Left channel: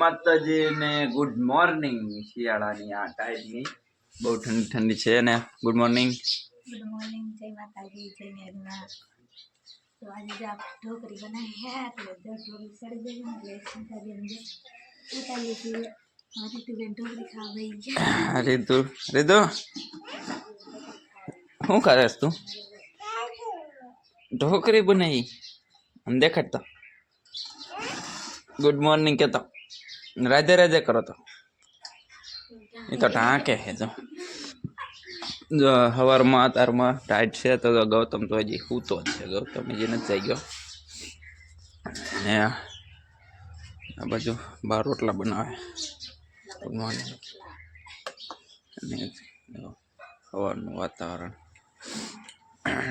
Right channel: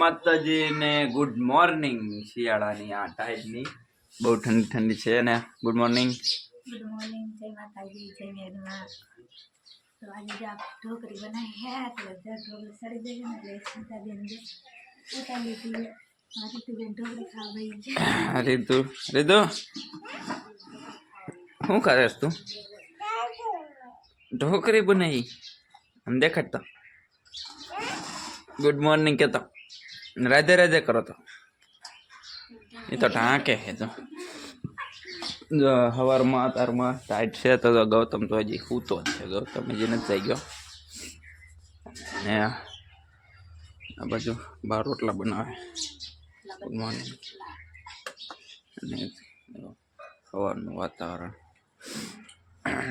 માતાજી ને good morning શિયાળાની આ ટાઈપની બહુ ઠંડી ઠંડી છે ને ગુડ મોર્નિંગ જય માતાજી જય મેરના તો આજે જો आप ढोकरी बनाई है तो जब ढोकरी सड़ी गई ना ले सीधा बेन दे उठा लीजिए हमारी तो बेन ढोकरी खा गई है रितु रितु શું કરેસ તું ઢોકરી બનાવી આમ દેખાડતો ગુડ મોર્નિંગ કહેતો રાધે રાધે કરો તો એ તો ટાંકે હે તો સવારમાં તારમાં ટાઈટ છે તો ગૌતમ તો હજી સૂતો જ છે ગૌતમ હજી નથી થઈ ગયો ને આ બાજુ બાર રોટલા બનાવે ગુડ મોર્નિંગ અને સવારનું વાતાવરણ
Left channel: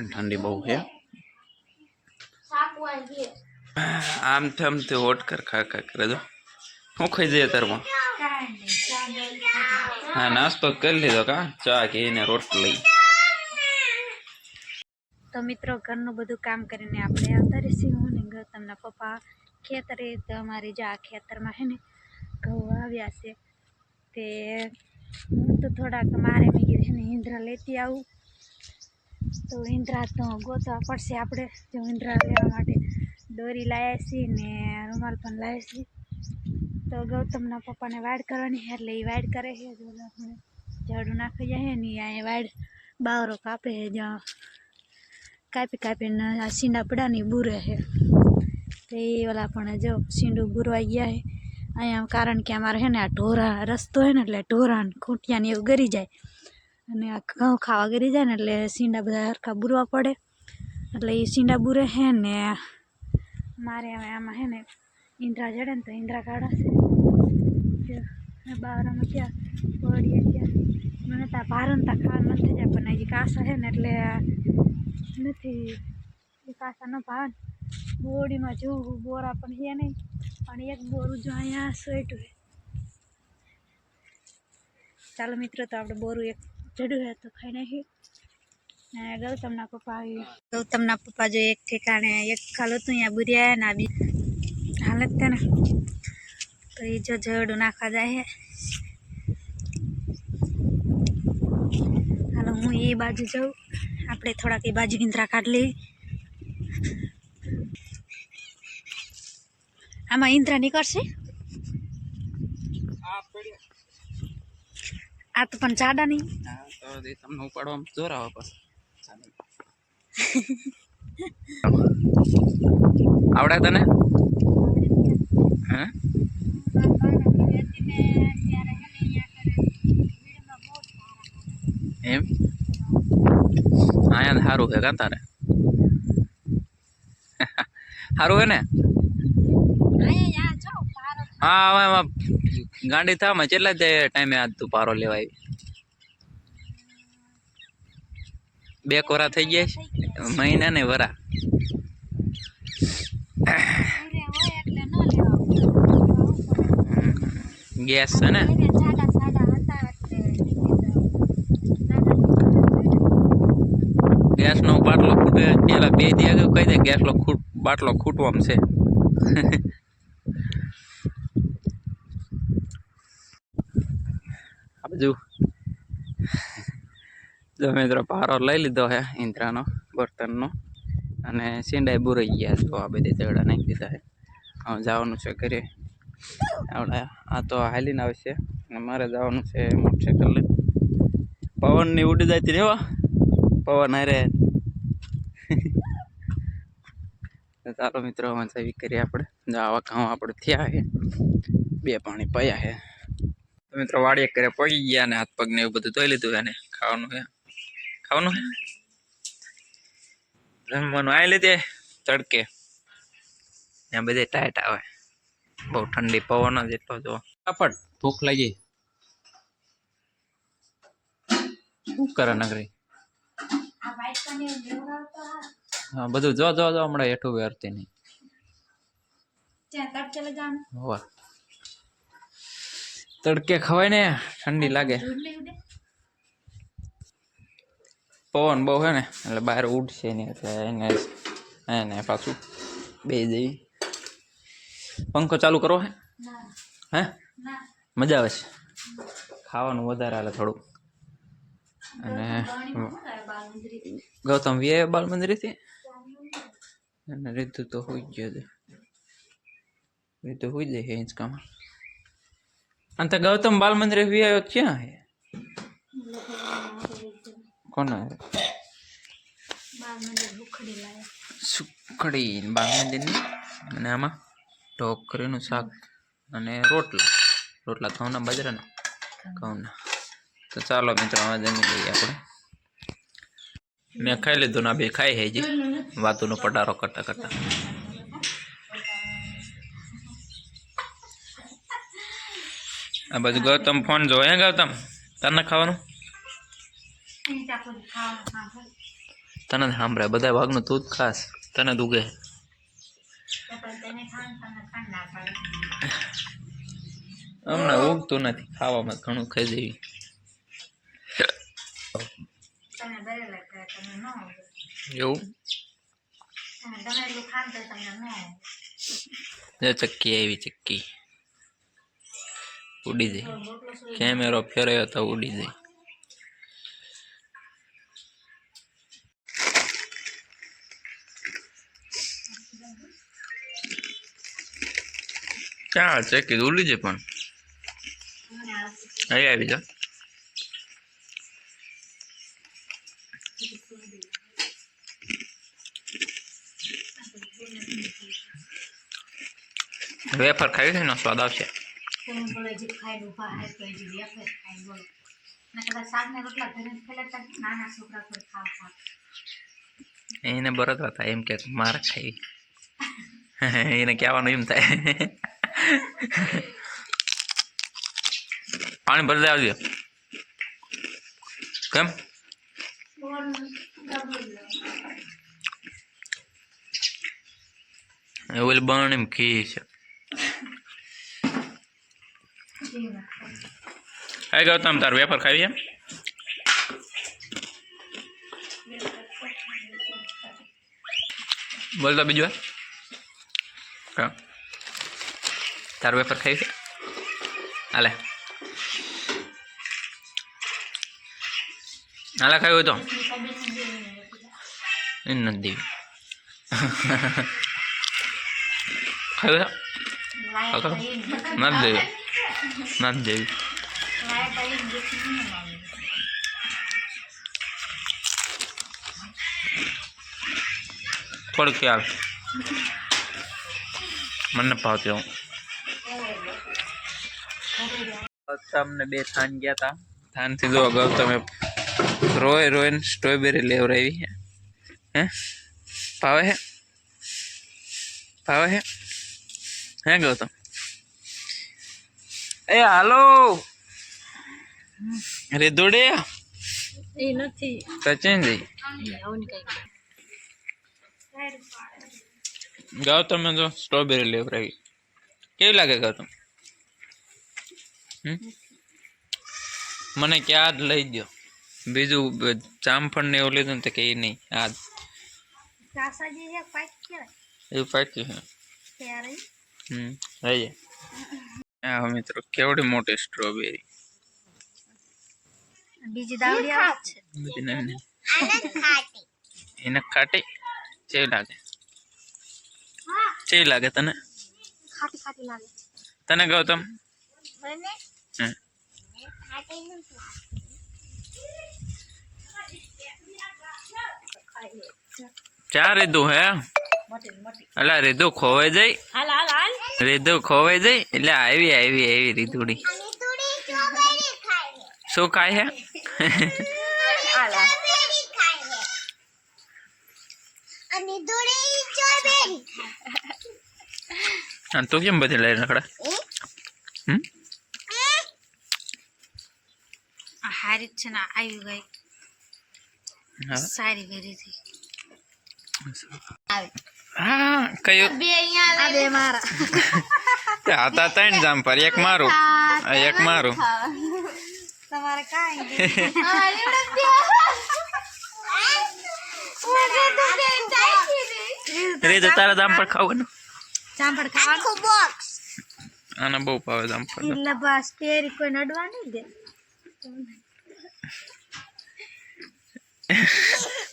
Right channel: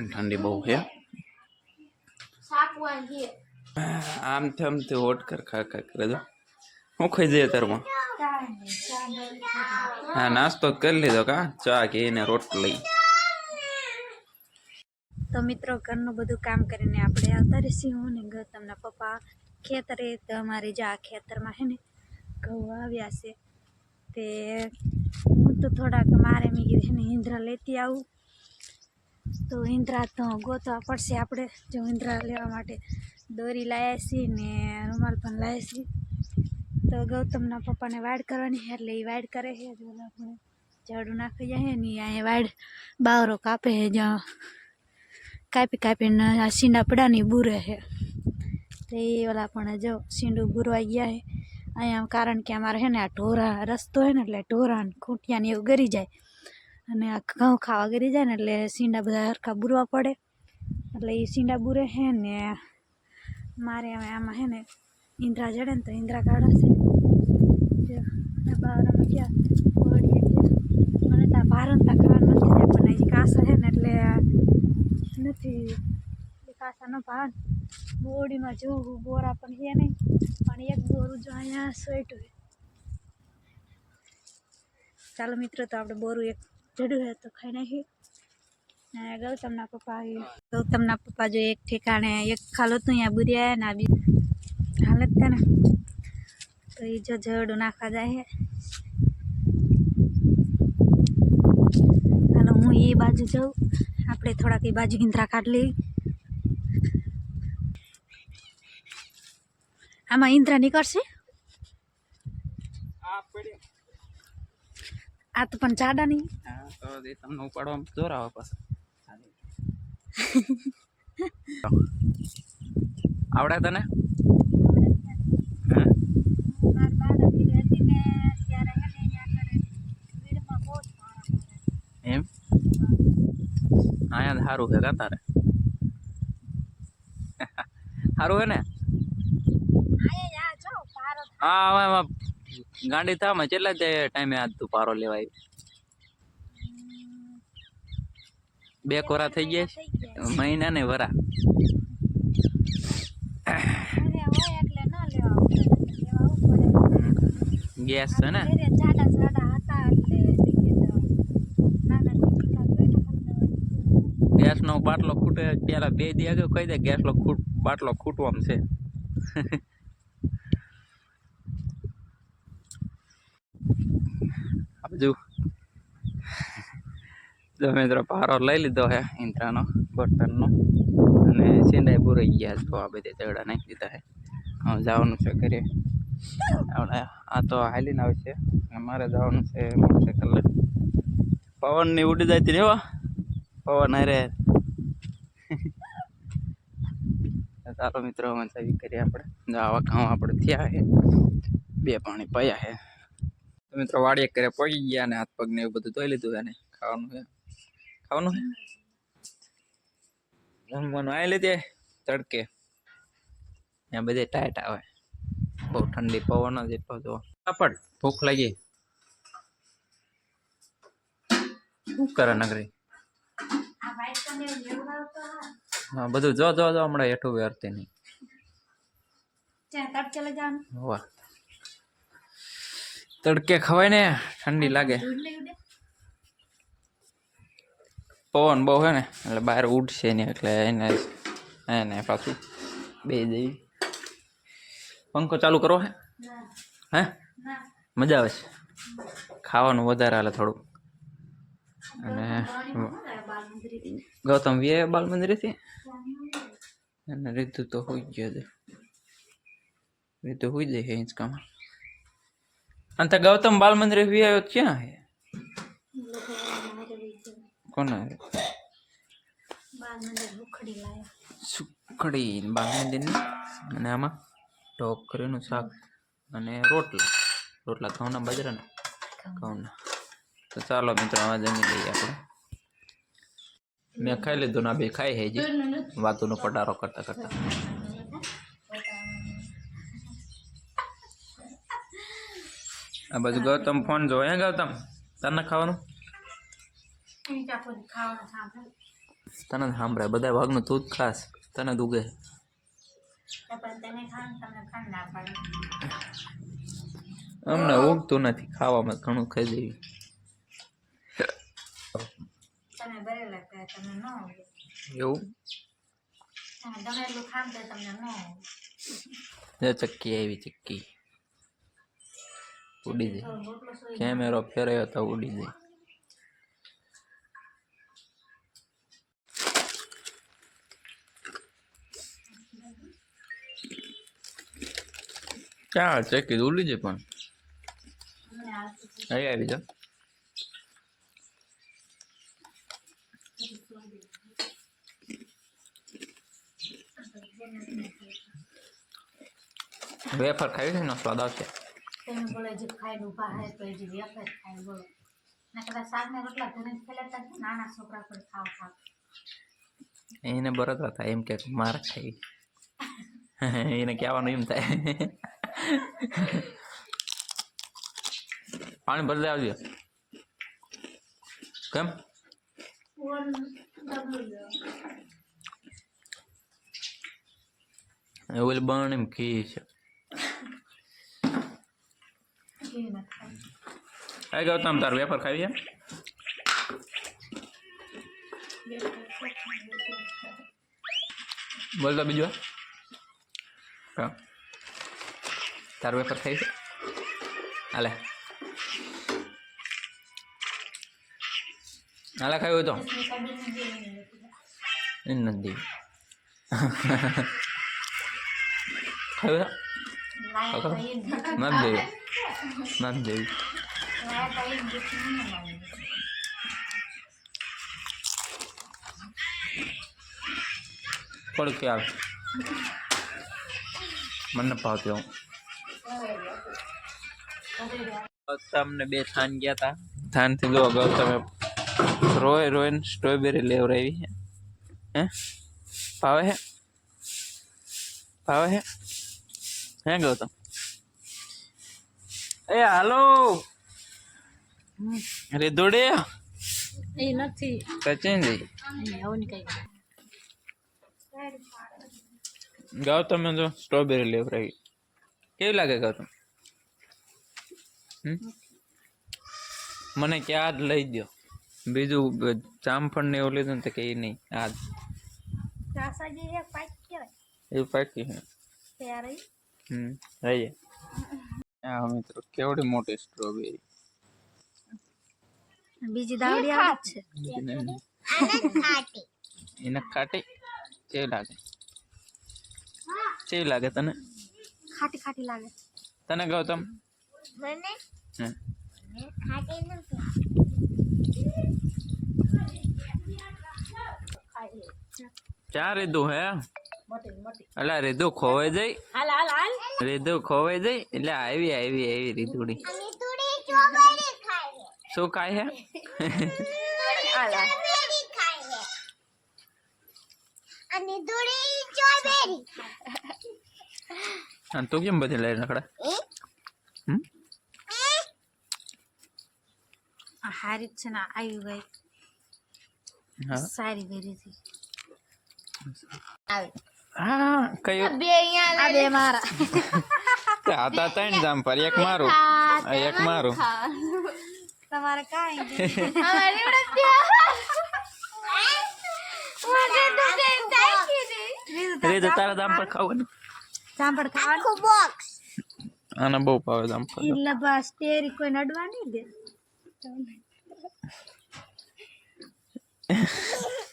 ઠંડી બહુ છે આમ થમથી હોટ કર ખા કરે દો શું ખાઈ જઈએ તારમાં હા નાસ્તો કરી લીધો કા ચા કે એને રોટલી તો મિત્રો ઘરનું બધું કામ કરીને આપણે આવતા રહીશું હું ને ગૌતમના પપ્પા ખેતરે તો અમારી જે આ ખેતરમાં છે ને ઘઉં આવ્યા છે તે હું તો થોડાક મારે મેં કીધું છે ને ઈંધરા લેતી આવું તો ઈંધરા તો ગોતવા પડશે આપણે જો ઈંધરા લેવા માટે દોરી લાવ્યા છીએ ને રૂમાલ પણ લાવ્યા છીએ તો ગૌતમના પપ્પાને વાડ કરવાની છે એટલે એ વાડ કરે છે જો આપણે ઝાડું નાખી જાય ને અહીંયા વાડ બાવરો કાપે છે જ્યાં કાપીને આ સીંડા પડાની બુરે છે તો એ ઓલા પણ જો સીંડું બુરવાઈ ગયા છે અહીંયા કારણ કે અમારે છે ને આ ઢોરા રસ્તો હોય ને એટલે ઢોરા ખૂંટિયાને એવું ગરી જાય અને આ ઘઉં ખાવા ગરી જાય ને એટલે સીંડા બધા હરખા બુરવા પડે એટલે એ સીંડા બુરે છે ને મારે હવે આમાં છે ને ઈંધરા જડે ને તો ઈંધરા કાઢાશે જો બાવરામાં ગયા ઓળીએ ગયા મને ત્યાં ભારંતા ખાવાનું નથી જાય પણ હજી કાસા છે ને એટલે નથી કાસા ન ભાવ બોડીમાં જોવું બોરા પણ છે નહીં પણ એક બોરું જો અહીંયા સોઈટું છે ચાલો મિત્રો તો આપણે બોરું એક જડ્યું છે તો ખાઈ નાખીએ ને ગૌતમના પપ્પા જો એક ઠેકાણે એક ખાલો હતું અહીંયા બુર્યા ને આ બી હાલત છે ને તો એ જો જડું નાખવા જાય છે હાલો હું એ બાજુ જાઉં આપણે થોડાક એ બાજુ ઈંધરા કાઢ લઈ આમાં ઈંધરા નીકળશે આ તો પણ જાડા નહીં તમને ઉપાડવામાં જોર આવે પાછું આવડે તને એમ અહીંયા સારું છે કા તારે સારું હે ને હા હવે એમાં ગાંડી થામાં કેટલા ટાઈમે આજ તું પારો લેવાય 2 કોરા થઈ ગયા મહિના ને વરા ગેસ છે ને ગેસ નો બાટલો ખૂટે પેલા 2 દી આગળ કહી દે ગેસ નો બાટલો ખૂટવામાં છે આ બાજુ જો મિત્રો પારો લઈ લીધો હે ઈંધરાનો બર્તનનો અને સીંડાઈ બુરાઈ ગયા જો આ બધી તગડા નાખી દીધા હે હવે જવાનું છે ઘરે આવડે આ તો હાલીને આવશે અમારે જવાનું છે મોટરસાઇકલ લઈ પવનની ઉડી જતી ને પવન અરે ચાલો મિત્રો મચાવી કરીએ આપણે આવા કામ આપણે થયા છે 2 પાણી પયા છે તો મિત્રો વાડીએ કરે પગી ગયા ને હાથ પગ ને એવું બધું ધોઈ લીધું એને ખાવાનું છે જમવાનું આવી લીધે તડકે ત્યાં બધે ટાઈટ આવે બહુ ઠંડી પવન જ એટલો જો કાપડ ભૂખ લાગી શું કરે નગરી હા બધું જો હમણાં હેઠું વેરતી નહીં વાહ તડકે ખવાય ને ઠંડી લાગે પવન બહુ હે ને એટલે બહાર ઉડશે ને એટલે એને પાછું બે જઈ પંખો ચાલુ કરો હે હે ના મજા આવે છે ખાવાનું વધારે હાલે થોડું અને ગૌતમ વે બાલ મંદિરેથી અને રીતુ તો હોઈ ગયો છે રીતુ હોઈ જાય હિંચકામાં અને ગૌતમ બાલ મંદિરે વી આવ્યો ક્યાં હે કોના હે સુખડી બાલ મંદિરની અને આમાં ઢોકરીનું શાક અને રોટલા ઘઉંના બાજરાના ઘઉંના તો ચાલો મિત્રો આવા જમી લઈએ આપણે મેં ખાઈ લીધું ના બે ખાઈ હે જી વાતુનો પટારો કરતા કરતા આ બાજુ ગૌતમ ફોન જો હે ગૌતમ તને ખાવાનું તને સાંભળાય બધા ભાગનું તું જ ખાસ તને દુગે હમણાં ઊંઘતું નથી ખાવામાં ઘણું ખાઈ દેવી એવું ચક્કી આવી ચક્કી ઉડી જાય કેમેરો ફેરવ્યો તો ઉડી જાય ક્યાં ચક્કી ઉડી જાય પણ અહીં આવી જા વેફર ખાવી છે ને સ્વાદ આવશે એને બરત હતા એમ કે માર ખાઈ એને કહેવાનું એમ થાય પાણી ભરી આવજો કેમ એવું બને એમ ઘી છે હા ગૌતમ તાર વેફર ખાવી છે બોલ તો બીજું હા તાર વેફર ખાવી છે હાલે હાલે ખાવી હોય તો એ નથી દેવી ખાવી નથી દેવી નથી દેવી થોડું ખ્યાલ મને ભાવતી હું ગૌતમને બે થાન ગયા હતા થાનથી જો ગૌતમે રોઈને સ્ટ્રોબેરી લેવરાવી હે ભાવે હે ગૌતમ એ હાલો અરે દોડે એ નથી સચિન જી ગૌતમ જો સ્ટ્રોબેરી લેવરાવી કેવી લાગે ગૌતમ મને કે આજ લઈ દો બીજું જામફળ ને એવું લીધું ને તો કે નહીં આજ એવું પાક્યું છે રહી જાય મિત્રો કેવડી મોટી સ્ટ્રોબેરી બીજી દાવડી આવે છે બધી નાની એને ખાટી કેવી લાગે તને ખાટી લાગે તને ગૌતમ મને ખાટી નથી ચા રીધું હે અલા રીધું ખોવાઈ જાય રીધું ખોવાઈ જાય એટલે આવી રીધુડી શું ખાય હે તું કેમ બધી લઈ રખડા હારી છે ને આવી ગઈ સારી કરી હતી હા કયું બે મારા હતા ત્રણ જામ પર એક મારું તમારે કાંઈ રે તો તારા દામ પર ખાવાનું જામફળ ખાવાનું આને બહુ ભાવે જામફળ એટલે બસ તેરી કોઈ નડવા નહીં દે.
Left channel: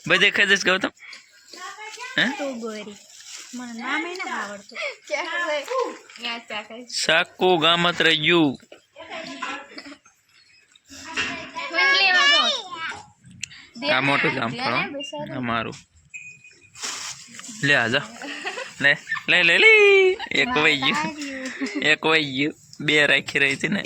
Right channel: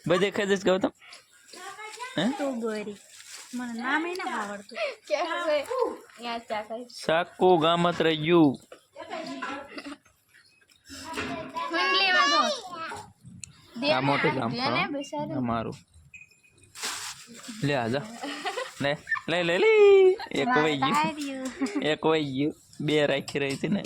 બધે ખાઈ જઈશ ગૌતમ તું ગોરી મને નામે ના આવડતું. સાકુ ગામત રહ્યું આ મોટું જામફળ અમારું લે આજા લે લે લે લે એક વહી ગયું બે રાખી રહી હતી ને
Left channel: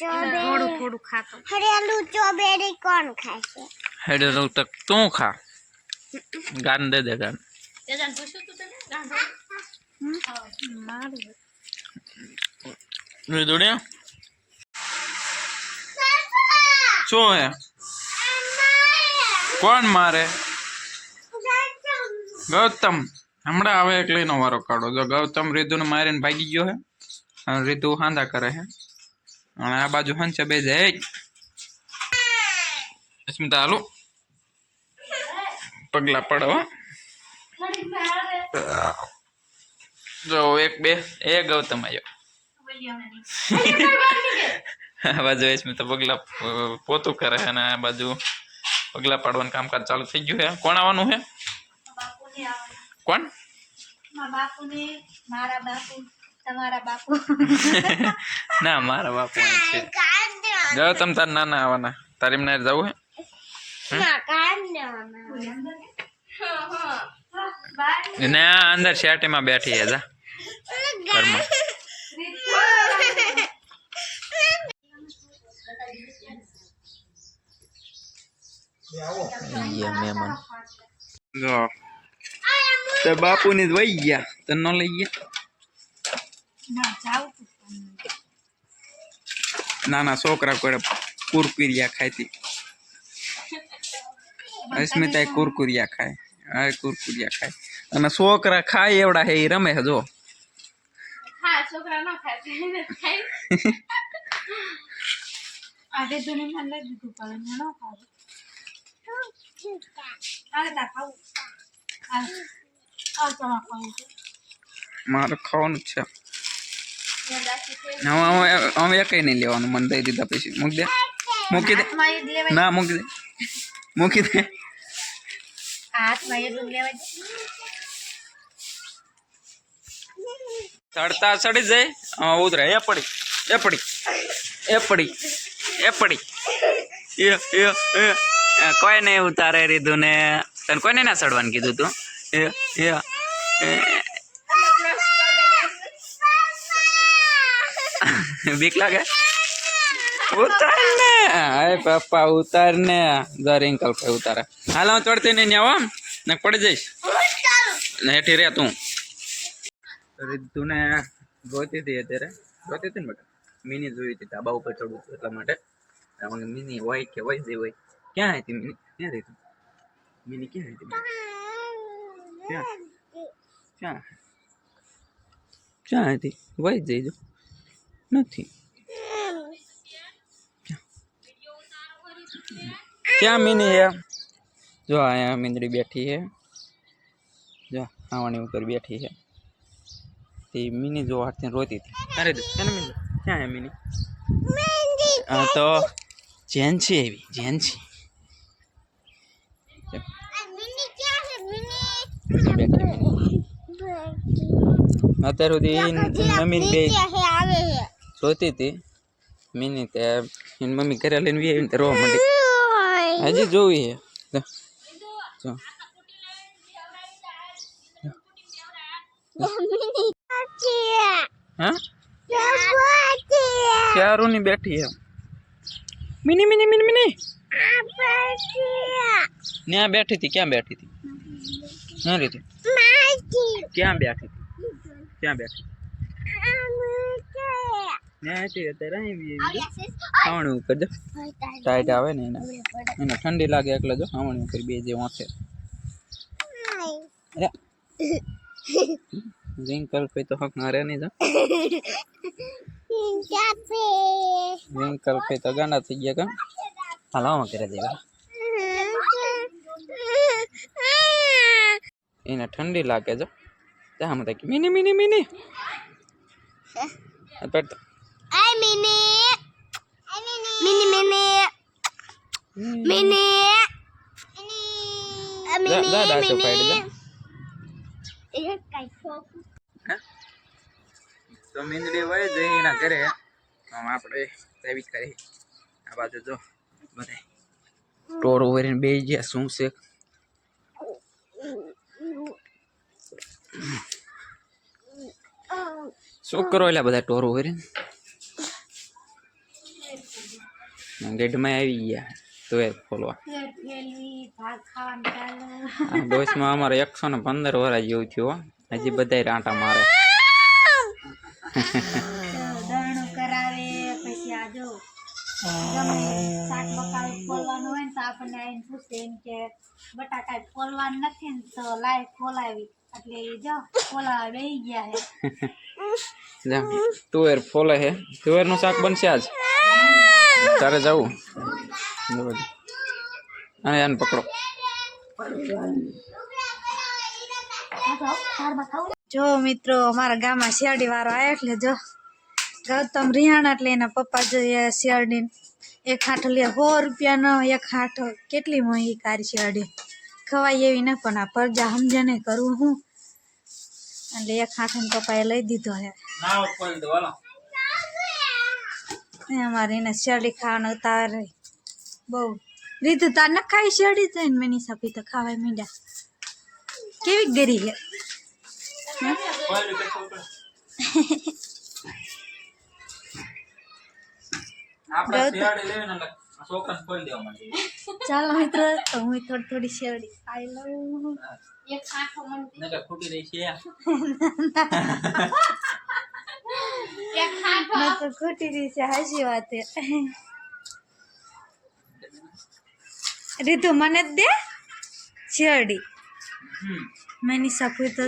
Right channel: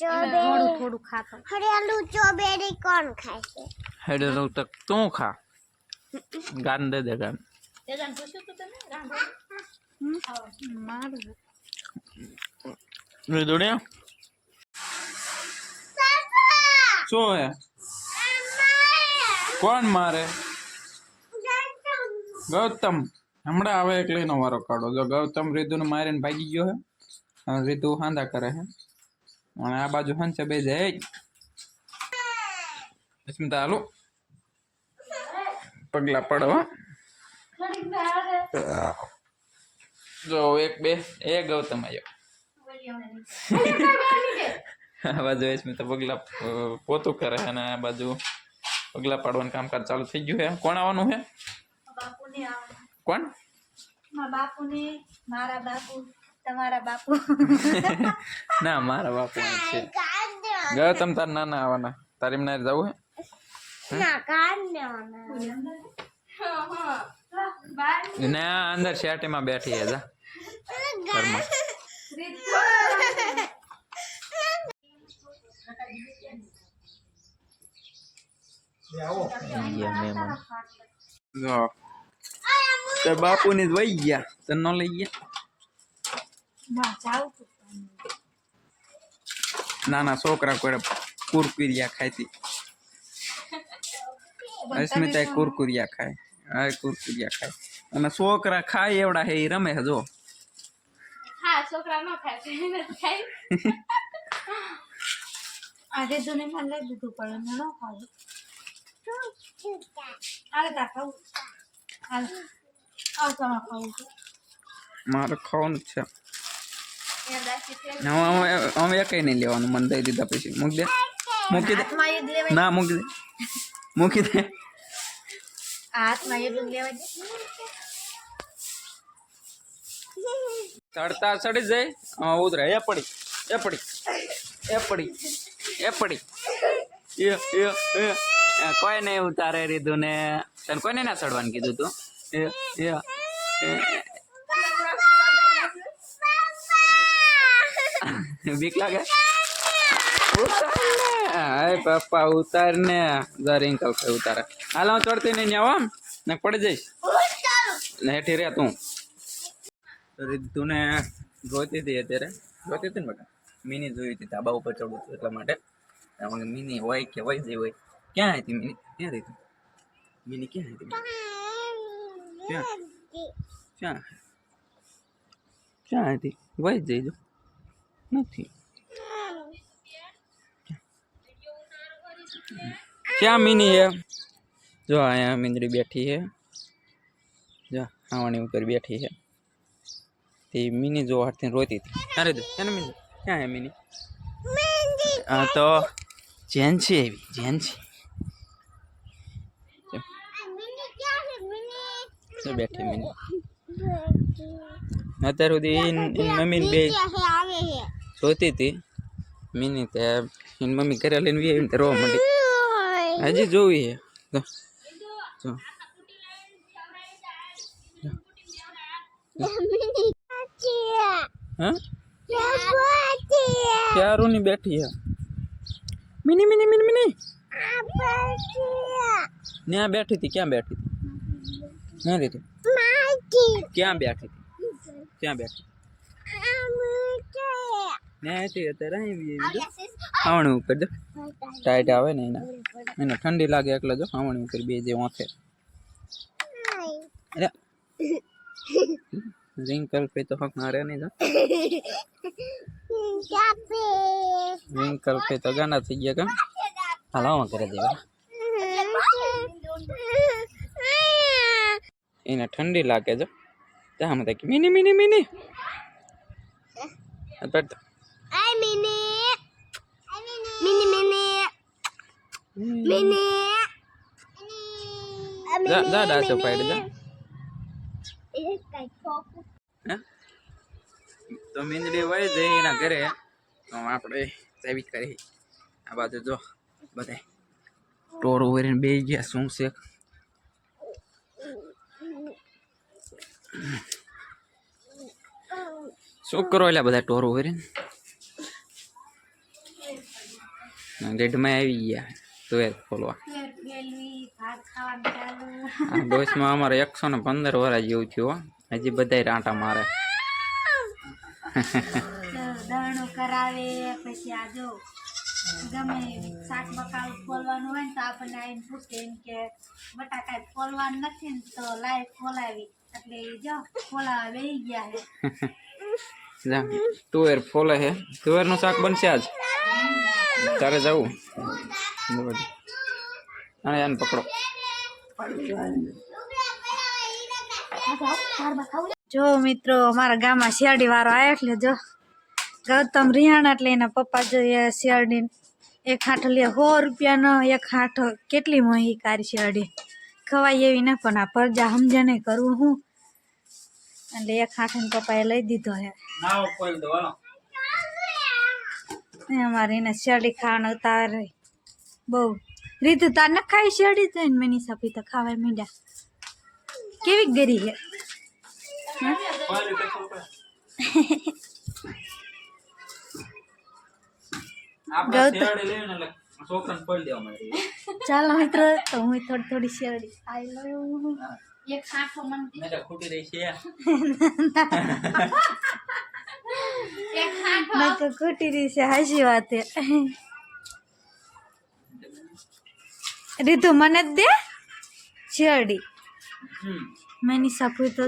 થોડું થોડું ખાતો. હરિયાળું સ્ટ્રોબેરી કોણ ખાશે? હેડેલું તક તું ખા ગાન દે દે ગાન મારું દોડ્યા શું હે કોણ મારે ગૌતમ હમણાં આવે એક લઈને વારો કાઢો જો ગૌતમ રીતુને મારીને ભાગી ગયો હે અને રીતુ હાંધા કરે હે અને આ બાજુ હંસે બે જાય અસ્મિતા હાલો પગલા પડો જો એક બે એ ગૌતમ આવ્યો આ બાજુ અસ્મિતા પગલા પોતું કરે છે અને આ બાજુ પગલા પાડવાનું કામકાજ ચાલુ થઈ ગયું હે કોણ આવવાનું હે કોણ મારા બાપુ તમારા બાપુ ના મારા બાપુ અહીં છે ગૌતમ તાર નાના આવવાના તારી એમને જવું હે ને અંદર શેટીમાં બેઠી હે જા ઘરમાં મહેમાન જો તો બાપુ ની વહી ગયા તને ન લઈ ગયા નાના છોકરા કોઈ કુરકુરિયા ખાતી અસ્મિતા કુરકુરિયા ખાય આ કુરકુરિયા ખાય અને છોકરા ખાય એવડા હે એ રમે જો આજે દુનિયા લઈ દીધું પડે ન ખાવું. અરે તા ખાવું આ તમારે ખાવું છે. મારે ખાવાનું જ છે હવે કઈ નહીં લેવાનું મને દઈ દીધા પછી મૂકી દે મૂકી દે ના મૂકી દે મૂકી દે હાથમાં એટલું લેવા દે. ચડતા ચડી જાય ઉતરે એ પડી એ પડી એ પડી એ પડી કોઈ નહીં ઉતારે રીધું ને તને કોઈને ના ચડવાનું કીધું તું બીક લાગે ઉતાર ને અરે પપ્પા ઉતાર ને જા રિંકલ કઈ ઉતારે હાલ હું ચડતી નહીં આવો ને પડી જઈશ ને હેઠી રે તું રીધું ને જોતી હતી અત્યારે જોતી હતી ને બેટા મિની જોઈ હતી ધાબા ઉપર ચડું છું એટલા માટે મિની હોય કે વહી જઈ હોય ક્યાં હતી મિની ક્યાં રહી તું મિની ક્યાં હતી ક્યાં ક્યાં ક્યાં હતી વહી જઈ જો નથી ક્યાં મિની હે જો અહીંયા મીંદડી બેઠી છે જો આવાની ઉપર બેઠી છે તે મિની જો હાથથી રોતી હતી ક્યાં રહી ક્યાં મિની ક્યાં હે મિની હા તો જેન્સી આવી જેન્સી બેઠી મિની અત્યાર સુધી મમ્મી બે જોતી હતી મિની તે એની મમ્મી ઘરે લઈને આવીને રોવા માંડી હજી જોવી હે જો હા ક્યારું ની બેઠી હે મિની મિની મિની મિની ત્યાં બેઠી હતી ક્યાં બેઠી હતી ક્યાં રીતું ક્યાં બેઠી હતી ક્યાં બેઠી ત્યાં હતી અત્યારે આવી ખાવણી ઉપર જો ટાઈટ આવે ને એને ઠંડી લાગે એટલે જો ખાવણી ઉપર બે જે વાંચે रिंकल पे तो हक मारे नहीं था કાપે रिंकल पे तो गाना थी गया का हलावा करे देगा इन्हें ठंडी लागे जो क्या हम तक mini mini mini but I mini mini mini mini जा जा डाचो पाइड जा એ કઈ ફોકસ तो मींदड़ी वही जई ना करे तो આપણે સેવી કરી આ બાજુ જો બધાય ટોર ઓવરીને બેહી ગયા શું છે શું કરો એલા બધા ટોર ઓવરીને ગેટમાં આવી ગયા તો એ ફોલવા આ ડોસમાં અમારે 115 વર્ષ જેવું થયું હજી બધાય રાંટા મારે દરણું કરાવે પછી આ જો ગમે શાક બકાલું ફોલવાનું હોય ને તો આપણને આવીને પૂછે એમ કે બટાકા ફોલવાનું નથી ને તો લાય ફોલાવી એટલે એ જો ફોલાવા બેસી ગયા હે જા તુવેર ફોલે હે તુવેરનું શાક બનશે આજ તારે જવું અને આને પકડો જો મિત્રો અમારા ગામમાં શિયાળી વાળો આવ્યો એટલે જો ગૌતમ રિહાણા એટલે એના પપ્પા જો શિયાળી એક હાંઠો લે 100 રૂપિયાનો એક હાંઠો કેટલી મોંઘી કારી શિયાળી ખવાય એવી ના પણ આ પરજા સમજે નહીં કરવું હું એટલે એક હાંઠો પપ્પાએ લઈ દીધો હે અમારે એને શિયાળી ખાવાનો ઉતાર બહુ રીતુ તાર ન ખાઈ શિયાળી તો ને મેની સાપી તો ખાવાય મીંડા કેવી ગરી હે ચાલો મિત્રો તો હું થોડી શિયાળી ખાઈ લઉં એક સાંઠો મને ખોટી રહી છે એક સાંઠો ખોટી રહી છે હાચી વાત હે રીતુ મને જ દે શિયાળી મેની સાપુ તો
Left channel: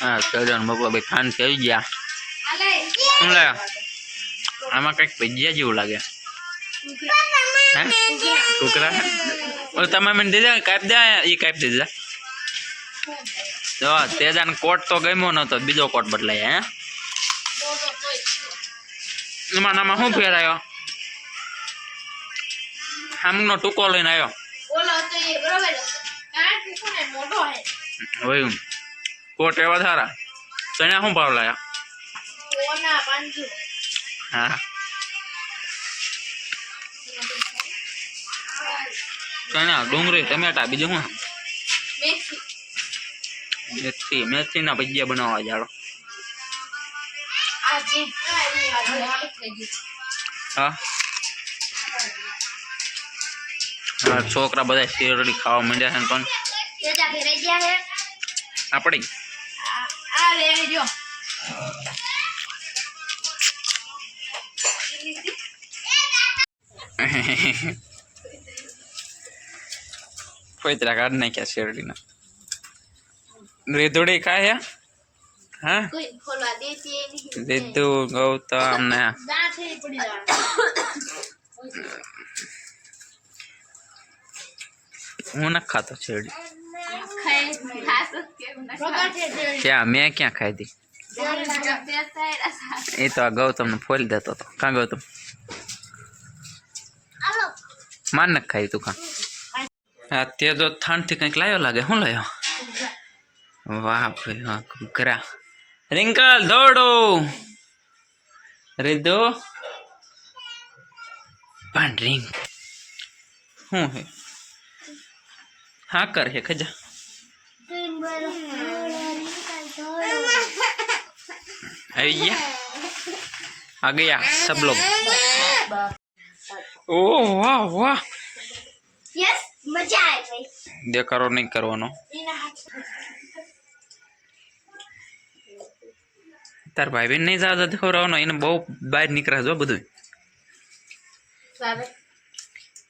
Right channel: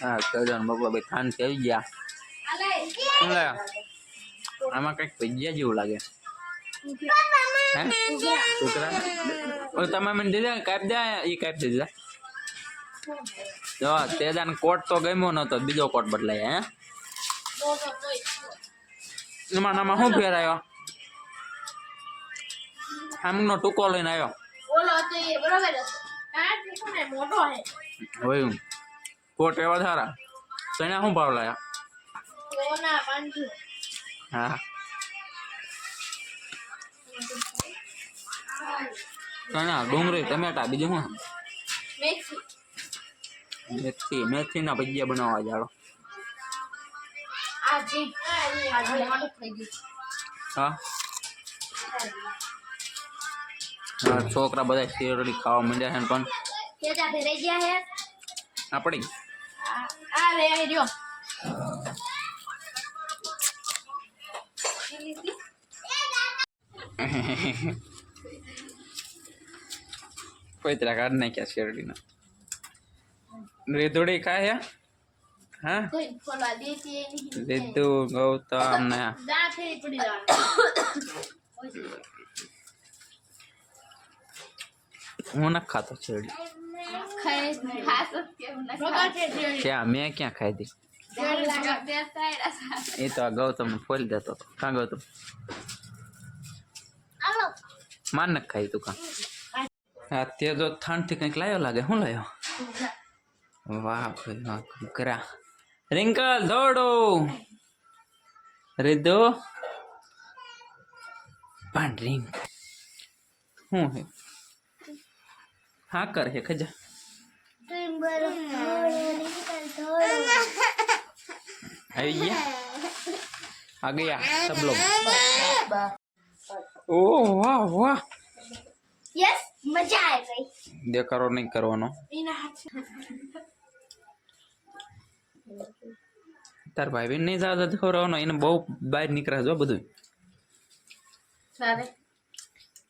હા ચલન બાપા ભાઈ ખાન થઈ ગયા શું લાગે આમાં કંઈક ભજીયા જેવું લાગે હે ટુકડા ઓલે તમે મને દીધા કાપ દે એ કાપ દીધા જો તેજાન કોટ તો ગમ્યો નતો બીજો કોટ બદલાય હે એમાં નામાં શું ફેરાયો આમનો ટૂંકો લઈને આવ્યો હોય કોટ એવા સારા તો એને શું ભાવ લાયા હા ચણા ડુંગળી ટમેટા બીજું શું મેથી ના ભજીયા બનાવવા જાડો હા હા છોકરા બધા શેરડી ખાવા માંડ્યા છે પણ આપણી પૈતરા કાઢ નાખ્યા શેરડીના રેધોડી ખાય હા રીતુ ગૌતમ ને હું ન ખાતો શેરડી ક્યાં મેં ક્યાં ખાઈ દી એ તો આ ગૌતમ ને ફોલી દેતો હતો કાં ગૌતમ માન ન ખાઈ તું કાં હા તે તો થાનથી કંઈક લાવ્યો લાગે શું લાવ્યો વાહ ભાઈ વાહ ઘરા રિંકલ દોડો રીધો પણ રિંક શું હે હા કર હે ખજા આવી ગયા आ गया सब लोग ओह वाह वाह यस मजा आ गई देखारो नहीं करवानो तार भाई बहन नहीं ज्यादा देखावरानो એને બહુ બહાર નીકળે જો બધું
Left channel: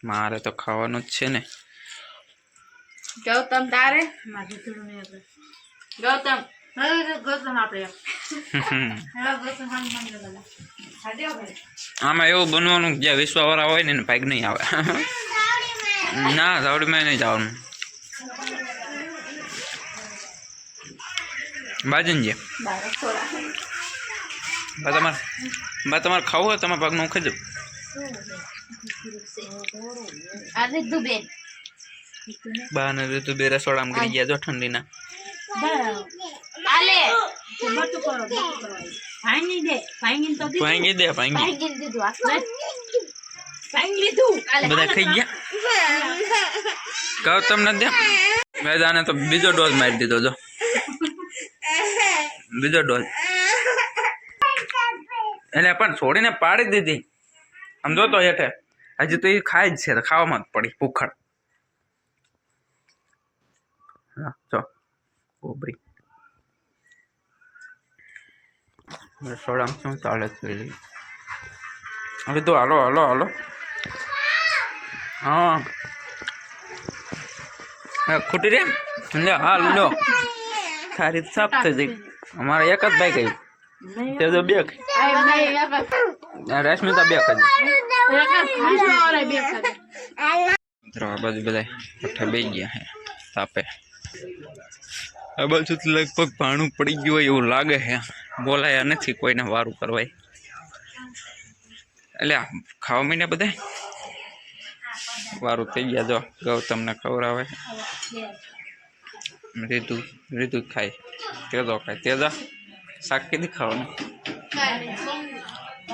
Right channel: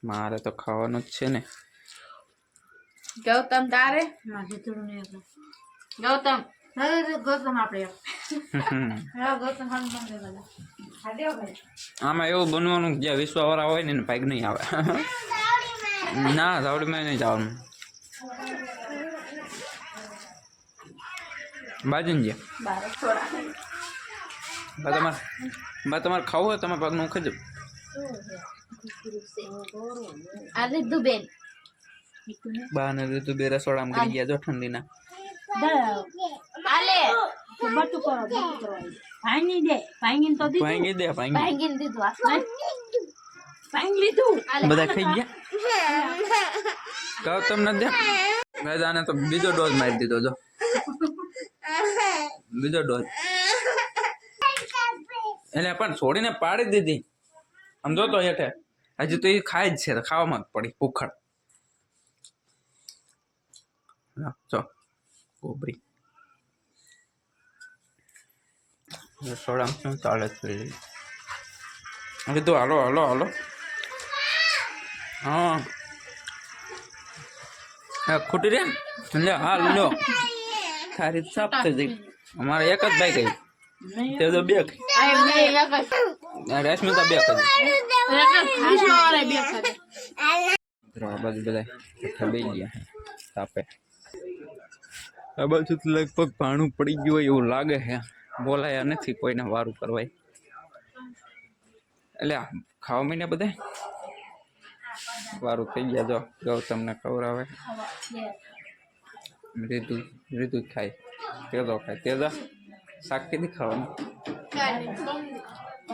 મારે તો ખાવાનું જ છે ને. ગૌતમ તારે મારે થોડું નહીં આપણે ગૌતમ હવે ગૌતમ આપણે હવે ગૌતમ ખાલી મંદિર બધા ખાડ્યો ભાઈ આમાં એવું બનવાનું કે જે વિશ્વવાળા હોય ને એને ભાગ નહીં આવે. ના ધાવડીમાં નહીં જવાનું. બાજુને જે તમારે ખાવું હોય તમારા ભાગનું હું ખાઈ આ રીધું બેન બહાર ઋતુ બે રસોડામાં કરી ગયા જો ઠંડીના. આલે બટુ કરો ભાંગી દે ભાંગીને તો દીધું ભાંગી દે ભાંગી. ભાંગીને દીધું આ ભાંગી લીધું બધા ખાઈ ગયા. કહો તમને દે મેદાને તો બીજો ડોઝ મારી દીધો જો. બીજો ડોઝ એટલે પણ છોડીને પાડી દીધી. આમ જોતો હેઠે હજી તો એ ખાય જ છે. ખાવામાં જ પડી ભૂખડ. ચો ગોબરી રસોડામાં શું ચાલે છે? હવે તો હાલો હાલો હાલો. હા ખોટી રે લે હાલ લો ખારી સાફ થઈ જઈ. અમારે એક જ ભાઈ ગયું તે તો બે રશ્મિતા બે ખાધી. મિત્રો આ બાજુ બધા પઠ્ઠા બે ગયા હે તાપે. આ બાજુ તો લગભગ ભાણું પડી ગયું હોય એવું લાગે છે. બોલાયા નથી કોઈને વારું કરવાય. એટલે ખાવા માંડ્યા બધા વારું થઈ ગયા. જો ગૌતમને ખવડાવે રીતુ ખાય તેજો ખાય તેજા શાક કીધી ખાવાનું.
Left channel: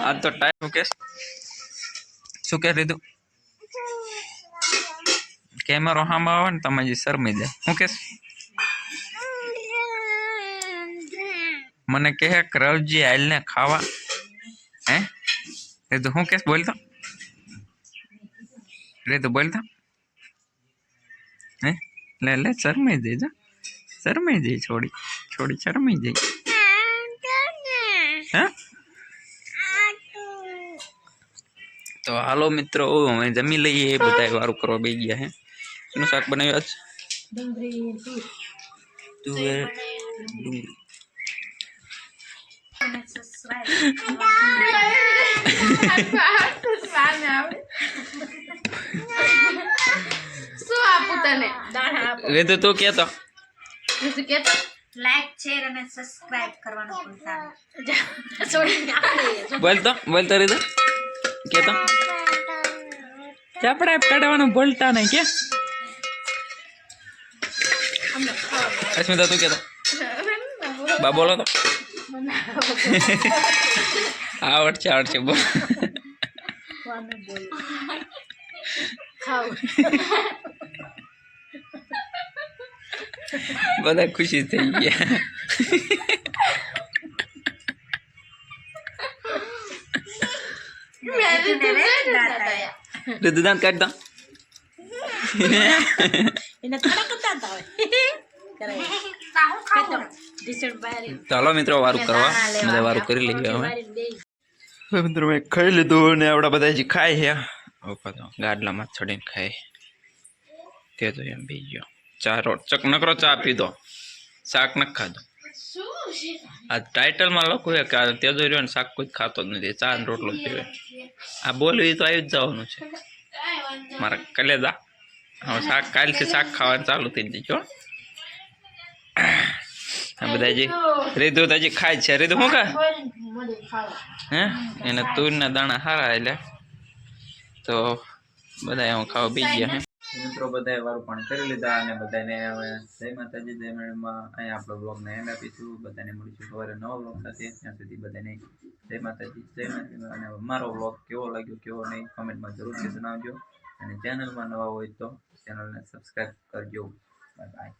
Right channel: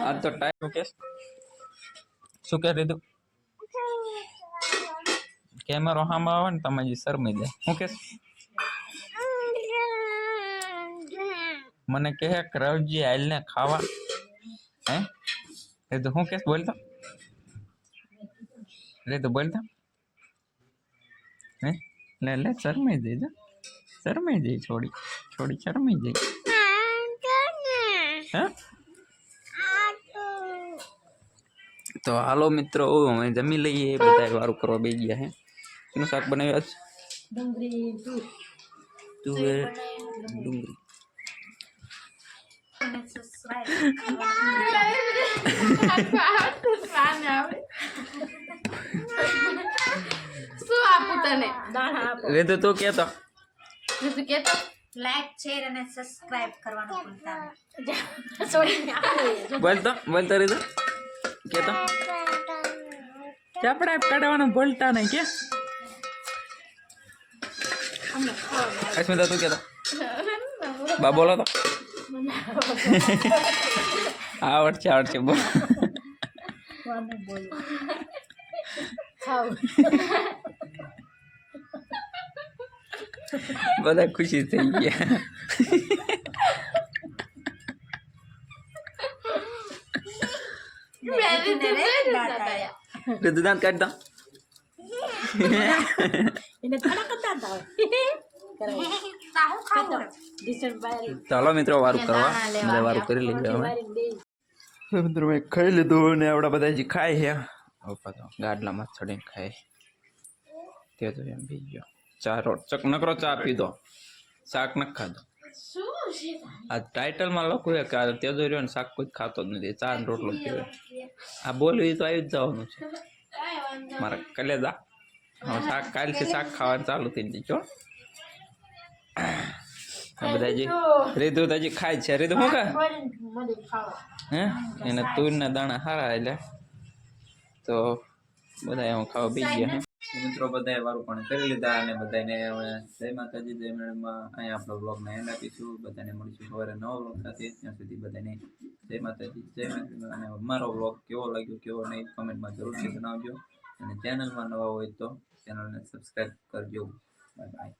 આજ તો ટાઈમ કે શું કે રીતુ કેમેરો સામે આવે ને તમે જે શરમી જાય. શું કે મને કહે રવજી આલ ને ખાવા હે રીતુ શું કે બોલતો રીતુ બોલતો હે લે લે શરમાઈ જાય જા શરમાઈ જાય છોડી છોડી શરમાઈ જાય. હે તો હાલો મિત્રો અમે જમી લઈએ. બધા વારું કરવા બે ગયા હે. શું શાક બનાવ્યું આજ? તુવેર ડુંગળી. શું આપું તને રીતુ તું કેતો તું કેતો લાઈક શેર અને સબસ્ક્રાઇબ કરવાનું ભૂલતા બોલતો રીતુ કેતો ચાપડા કાઢવાનું બોલતા નહીં કે અસ્મિતા તું કેતો બા બોલો તો આવડશે બોલ. બધા ખુશી થઈ ગયા. રીતુ દાંત કાઢતા એને થોડા કટાતા હોય ચાલો મિત્રો વારું કરવા બધા વારું કરી લઈએ. હવે મિત્રો મેં ખાઈ લીધું ને આપણા બધા હજી ખાય છે. ગાડલામાં ચડીને ખાય તે તો એમ બી ગયો. ચા નકરો ચા પીધો શાક નથી ખાધો. આ ટાઇટલમાં લખું છે કે તેજો રહ્યો ને શાક કોઈ ખાતો જ નથી. ચા ને રોટલો જ પીવે. આ બોલવી તો આવી જ જવાનું છે મારા કલેજા. હવે શાક કાલથી શાક ખાવાનું ચાલુ થઈ જજો. આ બધા હજી રીતુ તો હજી ખાય છે. રીતુ શું ખાય હે એને તુરના દાણા સારા એટલે તો બધા એમાં ખાવા બી ગયા હે. મિત્રો બધાએ વારું પાણી કરી લીધા અને બધાને હવે જય માતાજી જય મેળમાં અહીંયા આપણો બ્લોગને એન્ડ આપીશું. બધાને મળીશું સવારે નવા બ્લોગ સાથે. ત્યાં સુધી બધાને જય માતાજી જય મેળમાં. અને મારો બ્લોગ કેવો લાગ્યો કેવો નહીં કમેન્ટમાં જરૂરથી જણાવજો. અને ચેનલમાં નવા હોય તો ચેનલને સબસ્ક્રાઈબ કરજો. Bye bye.